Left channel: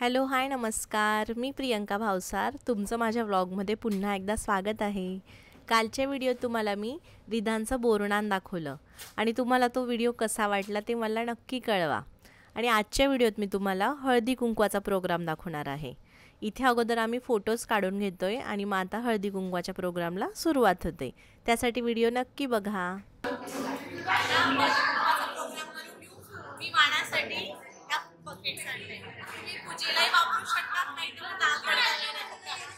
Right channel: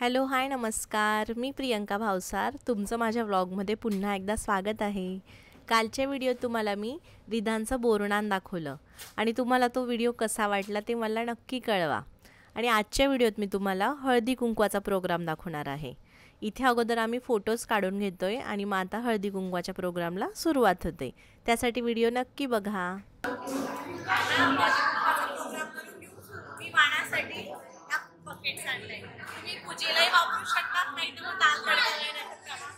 Hello hi नमस्कार, मी प्रियंका भावसार. तुमचं माझ्या व्लॉगमध्ये पुन्हा एकदा स्वागत आहे. कालच्या व्हिडिओत तुम्हाला मी रिधांचं बोरनान दाखवलं आणि तुम्हाला तो व्हिडिओ कसा वाटला ते मला नक्की कळवा. आणि आजच्या व्हिडिओत मी तुम्हाला हळदी कुंकवाचा प्रोग्राम दाखवणार आहे. इथे अगोदर आम्ही फोटोज काढून घेतोय आणि मग आता हळदी कुंकवाच्या प्रोग्रामला सुरुवात होते. त्यासाठी व्हिडिओ नक्की बघा. मी वाणासाठी बकेट्स आणले. तुम्ही पूजेलाही वापरू शकता, नाही तर दाल तडका वगैरे घालू शकता.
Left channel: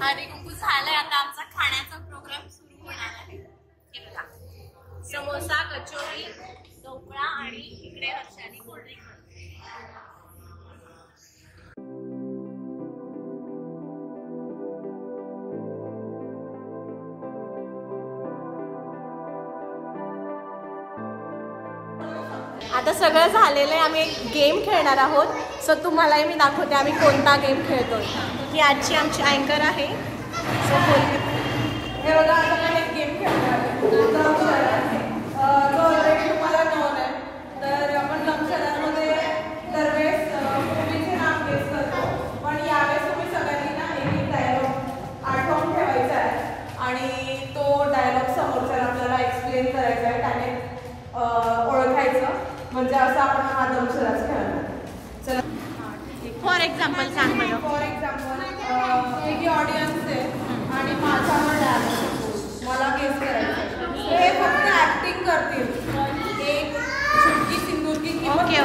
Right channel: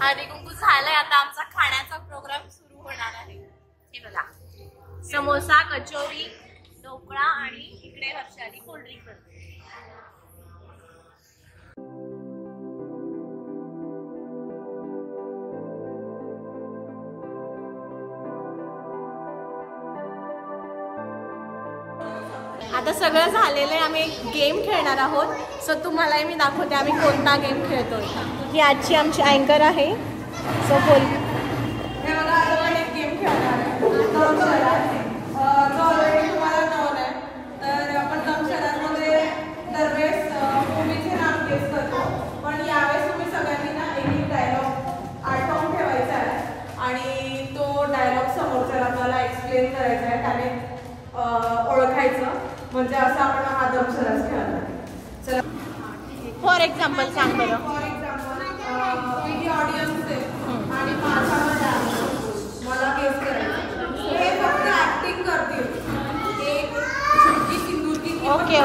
हळदी कुंकू झालंय, आता आमचा खाण्याचा प्रोग्राम सुरू होणार आहे. हे बघा, समोसा, कचोरी, ढोकळा आणि इकडे हर्षाली कोल्ड्रिंक. आता सगळं झालेलं आहे. आम्ही एक गेम खेळणार आहोत. सो तुम्हालाही मी दाखवते आम्ही कोणता गेम खेळतोय. ही आजची आमची अँकर आहे. सो बोल. हे बघा, आता आपण एक गेम खेळणार आहे जो ऑलरेडी तुम्हाला नोन आहे. तर आपण दमशरांमध्ये दरवेळेस मूवीचे नाव गेस करतो, पण यावेळेस तुम्ही सगळ्यांनी ना एक डायलॉग आठवून ठेवायचा आहे आणि तो डायलॉग समोरच्याला आपल्याला एक्सप्लेन करायचा आहे, त्याने ओळखायचं. म्हणजे असं आपण हा दमशराच खेळणार. चला, फॉर एक्झाम्पल सांग बरं. फॉर एक्झाम्पल ही ऑडियन्स आहे आणि माझ्यावर डायलॉग मला गेस करायचं. हे फक्त ऍक्टिंग करतील. एक झुमकी सिंदूर की ओके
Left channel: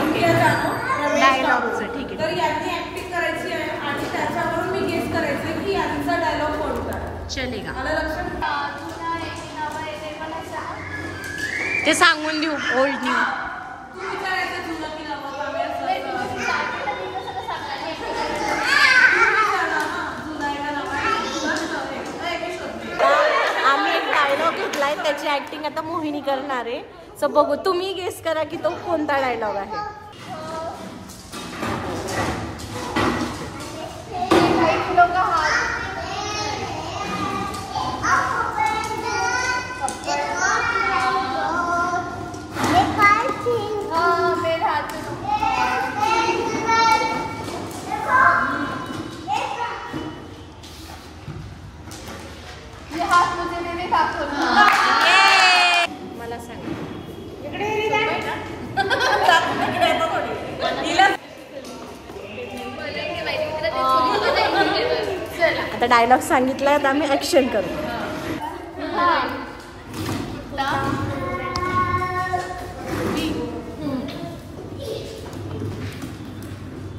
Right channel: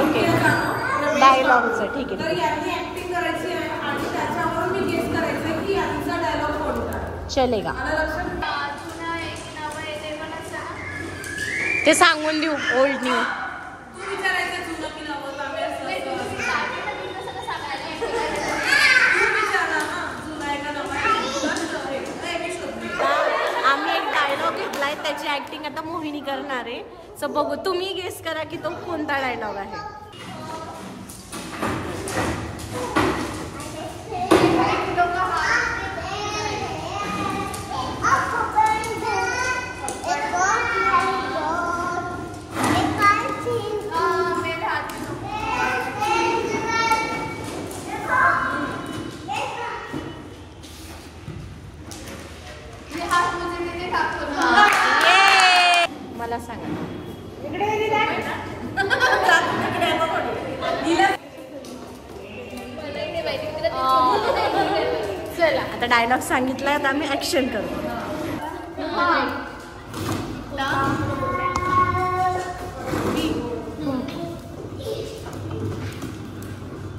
डायलॉगचं ठीक आहे. तर यांनी ऍक्टिंग करायची आहे आणि त्याच्यावरून मी गेस करायचं की यांचा डायलॉग कोणता चलेगा. मला लक्षात ते सांगून देऊ. ओल्ड न्यू तू विचारायचं जुनं की नवं. आम्ही असं आम्ही एक डायलॉग घेतलाय, त्याची ऍक्टिंग आता मोहिनी करणार आहे. सो बघू, तुम्ही गेस करा की तो कोणता डायलॉग आहे. मला सांगा. आता डायलॉग सांगितलाय तर आम्ही ऍक्शन करतो.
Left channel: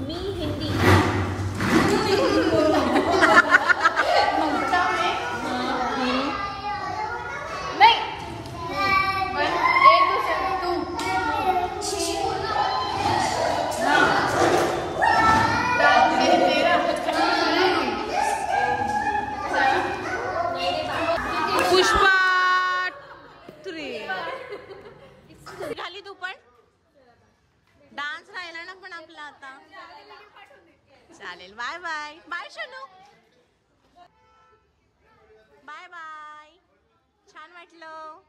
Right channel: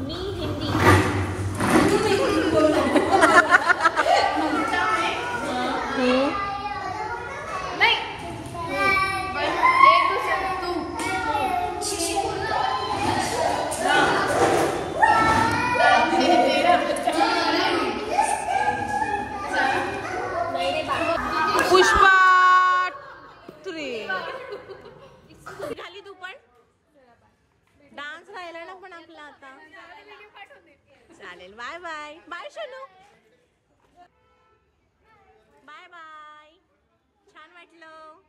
मी हिंदी. पुष्पा 3. झाली तू पण डान्स राहिला ना पण आपला आता. चालेल. Bye bye. Bye Shanu. Bye bye. छान वाटलं.